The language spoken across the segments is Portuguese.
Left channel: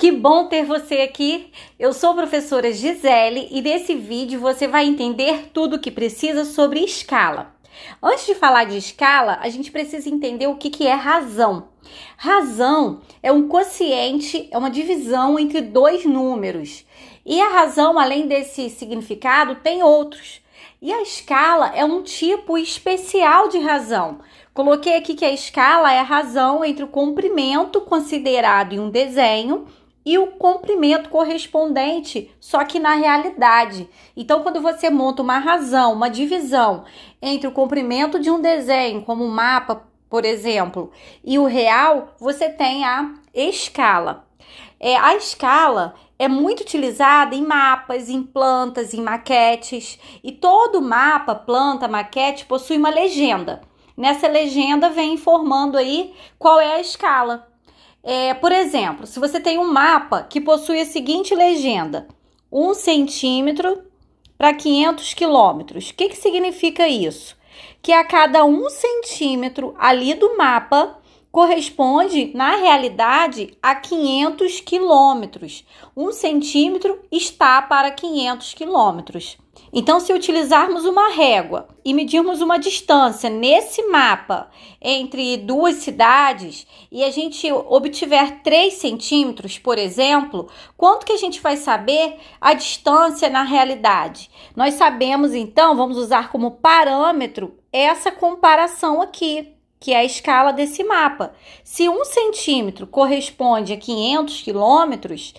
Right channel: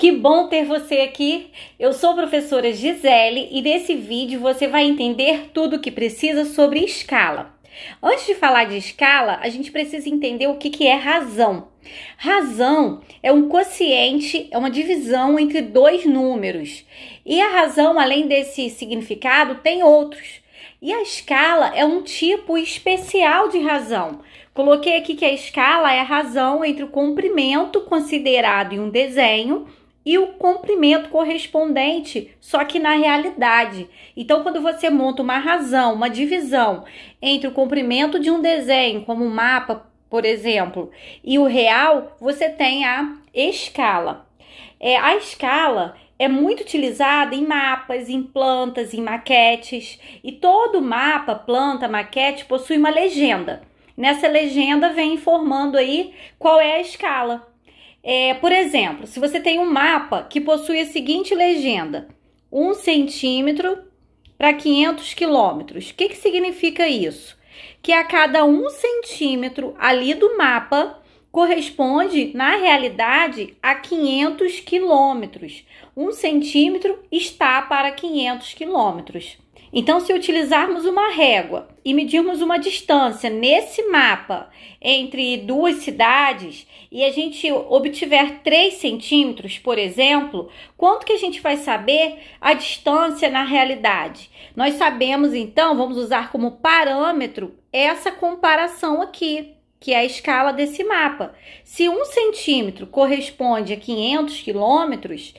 Que bom ter você aqui! Eu sou a professora Gisele e nesse vídeo você vai entender tudo o que precisa sobre escala. Antes de falar de escala, a gente precisa entender o que é razão. Razão é um quociente, é uma divisão entre dois números. E a razão, além desse significado, tem outros. E a escala é um tipo especial de razão. Coloquei aqui que a escala é a razão entre o comprimento considerado em um desenho e o comprimento correspondente, só que na realidade. Então, quando você monta uma razão, uma divisão entre o comprimento de um desenho, como um mapa, por exemplo, e o real, você tem a escala. A escala é muito utilizada em mapas, em plantas, em maquetes, e todo mapa, planta, maquete possui uma legenda. Nessa legenda vem informando aí qual é a escala. Por exemplo, se você tem um mapa que possui a seguinte legenda: 1 centímetro para 500 quilômetros. O que significa isso? Que a cada 1 centímetro ali do mapa corresponde, na realidade, a 500 quilômetros. 1 centímetro está para 500 quilômetros. Então, se utilizarmos uma régua e medirmos uma distância nesse mapa entre duas cidades e a gente obtiver 3 centímetros, por exemplo, quanto que a gente vai saber a distância na realidade? Nós sabemos, então, vamos usar como parâmetro essa comparação aqui, que é a escala desse mapa. Se 1 centímetro corresponde a 500 quilômetros,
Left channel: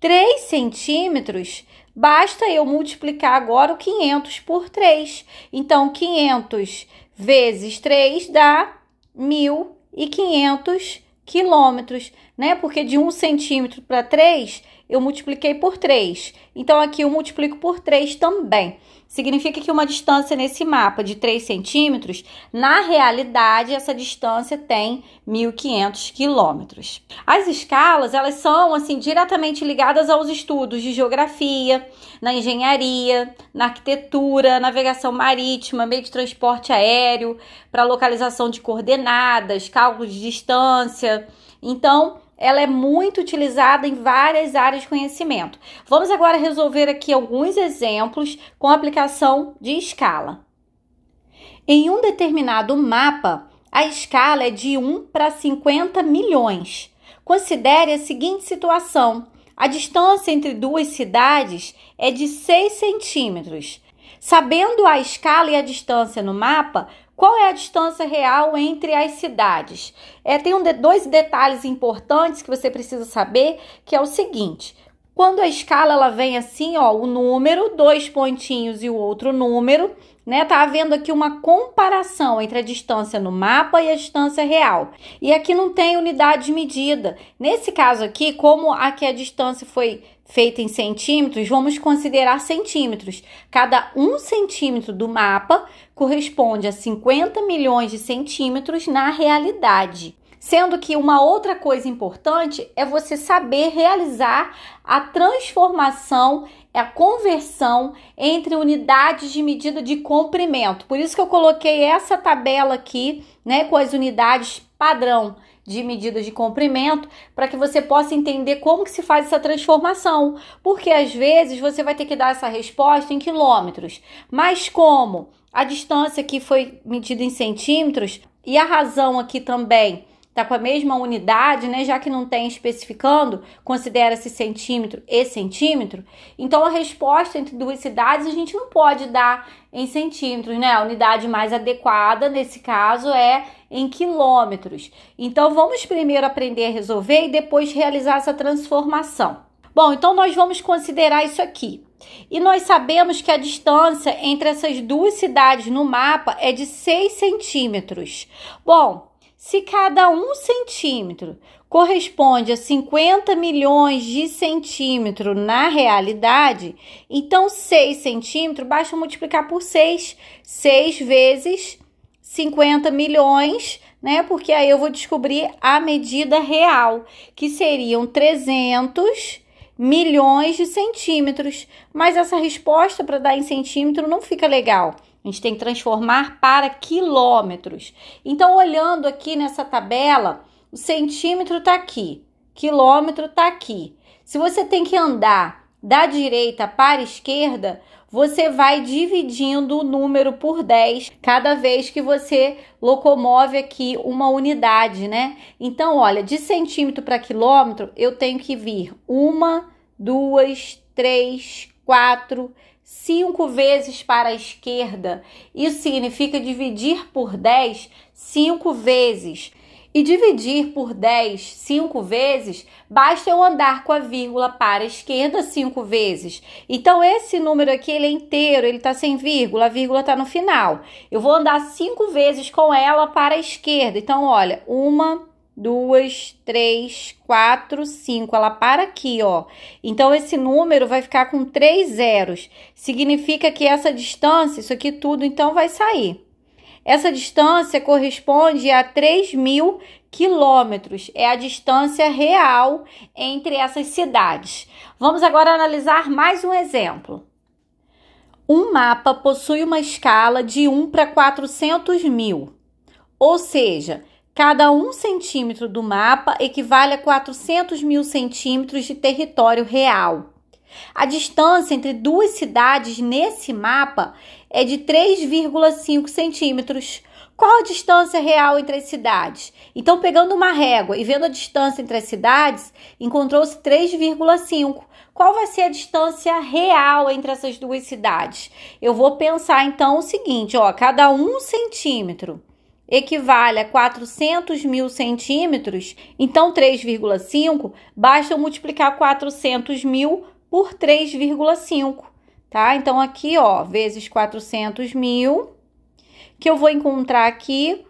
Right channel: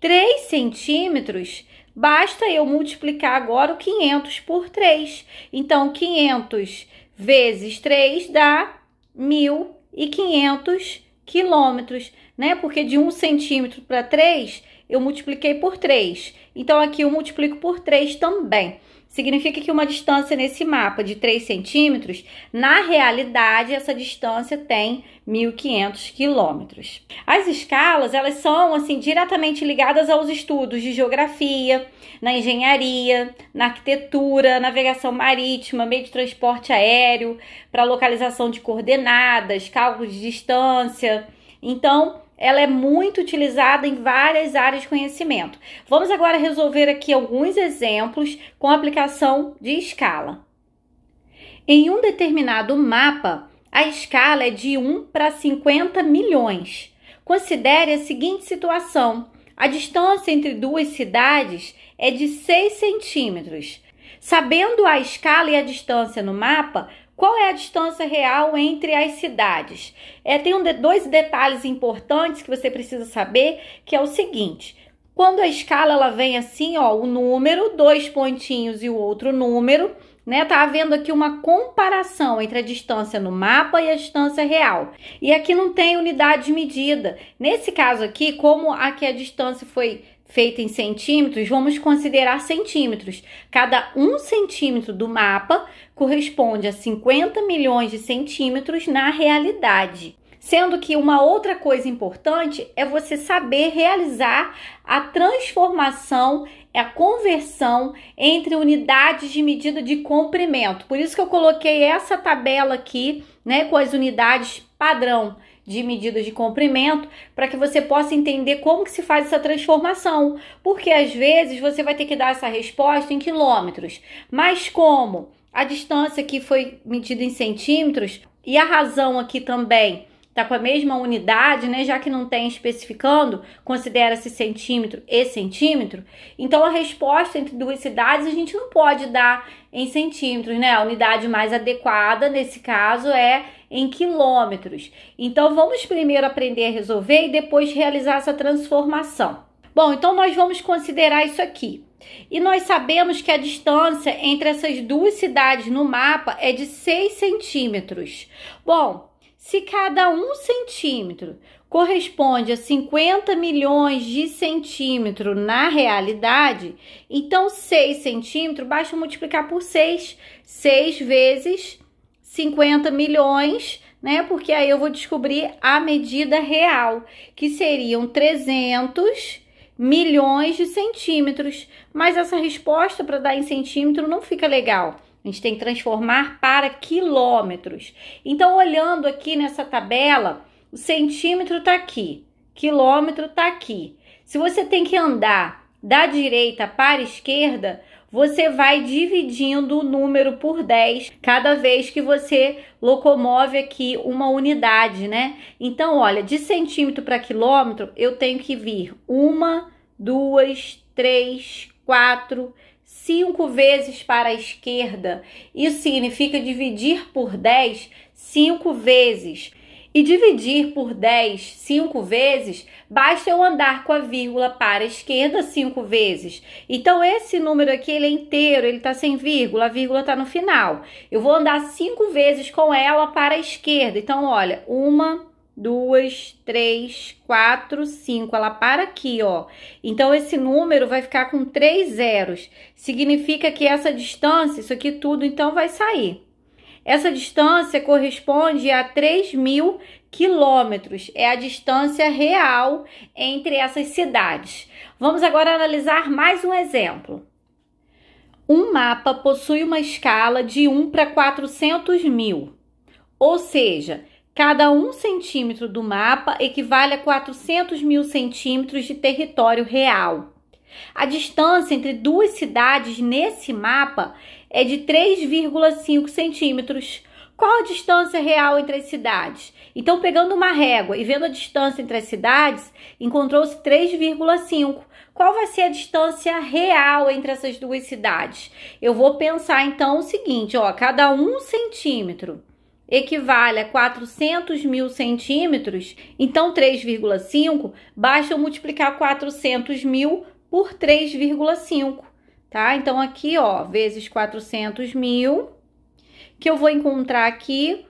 3 centímetros, basta eu multiplicar agora o 500 por 3. Então, 500 vezes 3 dá 1.500 quilômetros, né? Porque de 1 centímetro para 3, eu multipliquei por 3. Então, aqui eu multiplico por 3 também. Significa que uma distância nesse mapa de 3 centímetros, na realidade, essa distância tem 1.500 quilômetros. As escalas, elas são, assim, diretamente ligadas aos estudos de geografia, na engenharia, na arquitetura, navegação marítima, meio de transporte aéreo, para localização de coordenadas, cálculo de distância. Então, ela é muito utilizada em várias áreas de conhecimento. Vamos agora resolver aqui alguns exemplos com aplicação de escala. Em um determinado mapa, a escala é de 1 para 50 milhões. Considere a seguinte situação: a distância entre duas cidades é de 6 centímetros. Sabendo a escala e a distância no mapa, qual é a distância real entre as cidades? Tem dois detalhes importantes que você precisa saber, que é o seguinte: quando a escala ela vem assim, ó, o número, 2 pontinhos e o outro número, né? Tá havendo aqui uma comparação entre a distância no mapa e a distância real. E aqui não tem unidade de medida. Nesse caso aqui, como aqui a distância foi feita em centímetros, vamos considerar centímetros. Cada 1 centímetro do mapa corresponde a 50 milhões de centímetros na realidade. Sendo que uma outra coisa importante é você saber realizar a transformação, a conversão entre unidades de medida de comprimento. Por isso que eu coloquei essa tabela aqui, né, com as unidades padrão de medida de comprimento, para que você possa entender como que se faz essa transformação. Porque às vezes você vai ter que dar essa resposta em quilômetros, mas como a distância aqui foi medida em centímetros e a razão aqui também tá com a mesma unidade, né? Já que não tem especificando, considera-se centímetro e centímetro. Então, a resposta entre duas cidades a gente não pode dar em centímetros, né? A unidade mais adequada, nesse caso, é em quilômetros. Então, vamos primeiro aprender a resolver e depois realizar essa transformação. Bom, então nós vamos considerar isso aqui. E nós sabemos que a distância entre essas duas cidades no mapa é de 6 centímetros. Bom, se cada 1 centímetro corresponde a 50 milhões de centímetros na realidade, então 6 centímetros basta multiplicar por 6. 6 vezes 50 milhões, né? Porque aí eu vou descobrir a medida real, que seriam 300 milhões de centímetros. Mas essa resposta para dar em centímetro não fica legal. A gente tem que transformar para quilômetros. Então, olhando aqui nessa tabela, o centímetro está aqui. quilômetro tá aqui. Se você tem que andar da direita para a esquerda, você vai dividindo o número por 10 cada vez que você locomove aqui uma unidade, né? Então, olha, de centímetro para quilômetro, eu tenho que vir 1, 2, 3, 4, 5 vezes para a esquerda. Isso significa dividir por 10 5 vezes. E dividir por 10 5 vezes, basta eu andar com a vírgula para a esquerda 5 vezes. Então, esse número aqui, ele é inteiro, ele tá sem vírgula, a vírgula tá no final. Eu vou andar 5 vezes com ela para a esquerda. Então, olha, 1, 2, 3, 4, 5. Ela para aqui, ó. Então, esse número vai ficar com 3 zeros. Significa que essa distância, isso aqui tudo, então, vai sair. Essa distância corresponde a 3.000 quilômetros. É a distância real entre essas cidades. Vamos agora analisar mais um exemplo. Um mapa possui uma escala de 1 para 400.000. Ou seja, cada 1 centímetro do mapa equivale a 400.000 centímetros de território real. A distância entre duas cidades nesse mapa é de 3,5 centímetros. Qual a distância real entre as cidades? Então, pegando uma régua e vendo a distância entre as cidades, encontrou-se 3,5. Qual vai ser a distância real entre essas duas cidades? Eu vou pensar, então, o seguinte, ó, cada 1 centímetro equivale a 400.000 centímetros, então 3,5, basta eu multiplicar 400.000 por 3,5, tá? Então, aqui, ó, vezes 400.000, que eu vou encontrar aqui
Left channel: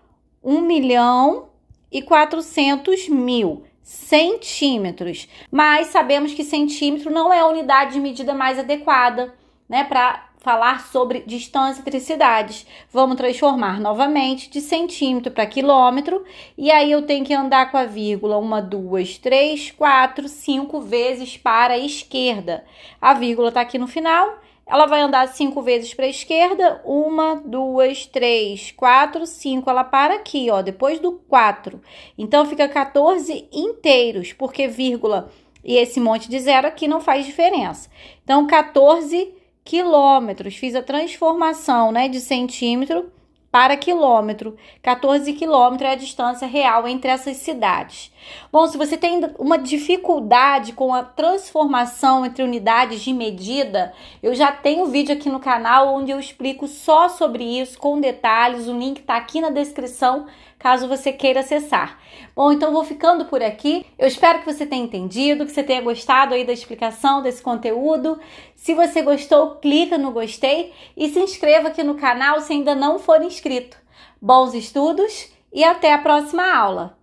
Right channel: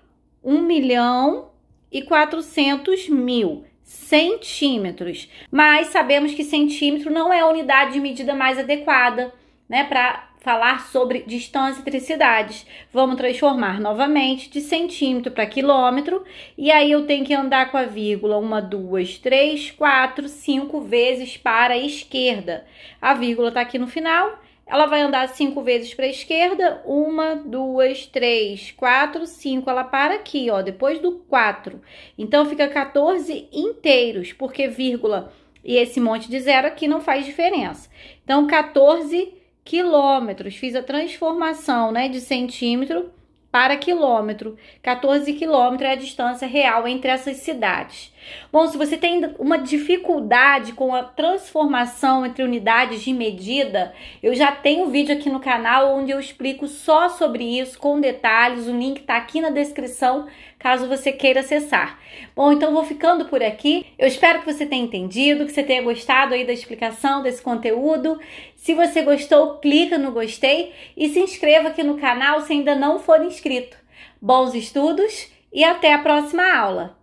1.400.000 centímetros. Mas sabemos que centímetro não é a unidade de medida mais adequada, né, para falar sobre distância entre cidades. Vamos transformar novamente de centímetro para quilômetro. E aí eu tenho que andar com a vírgula 1, 2, 3, 4, 5 vezes para a esquerda. A vírgula tá aqui no final. Ela vai andar 5 vezes para a esquerda. 1, 2, 3, 4, 5. Ela para aqui, ó, depois do 4. Então, fica 14 inteiros, porque vírgula e esse monte de zero aqui não faz diferença. Então, 14 quilômetros. Fiz a transformação, né, de centímetro para quilômetro. 14 quilômetros é a distância real entre essas cidades. Bom, se você tem uma dificuldade com a transformação entre unidades de medida, eu já tenho um vídeo aqui no canal onde eu explico só sobre isso, com detalhes. O link tá aqui na descrição, caso você queira acessar. Bom, então vou ficando por aqui. Eu espero que você tenha entendido, que você tenha gostado aí da explicação desse conteúdo. Se você gostou, clica no gostei e se inscreva aqui no canal se ainda não for inscrito. Bons estudos e até a próxima aula!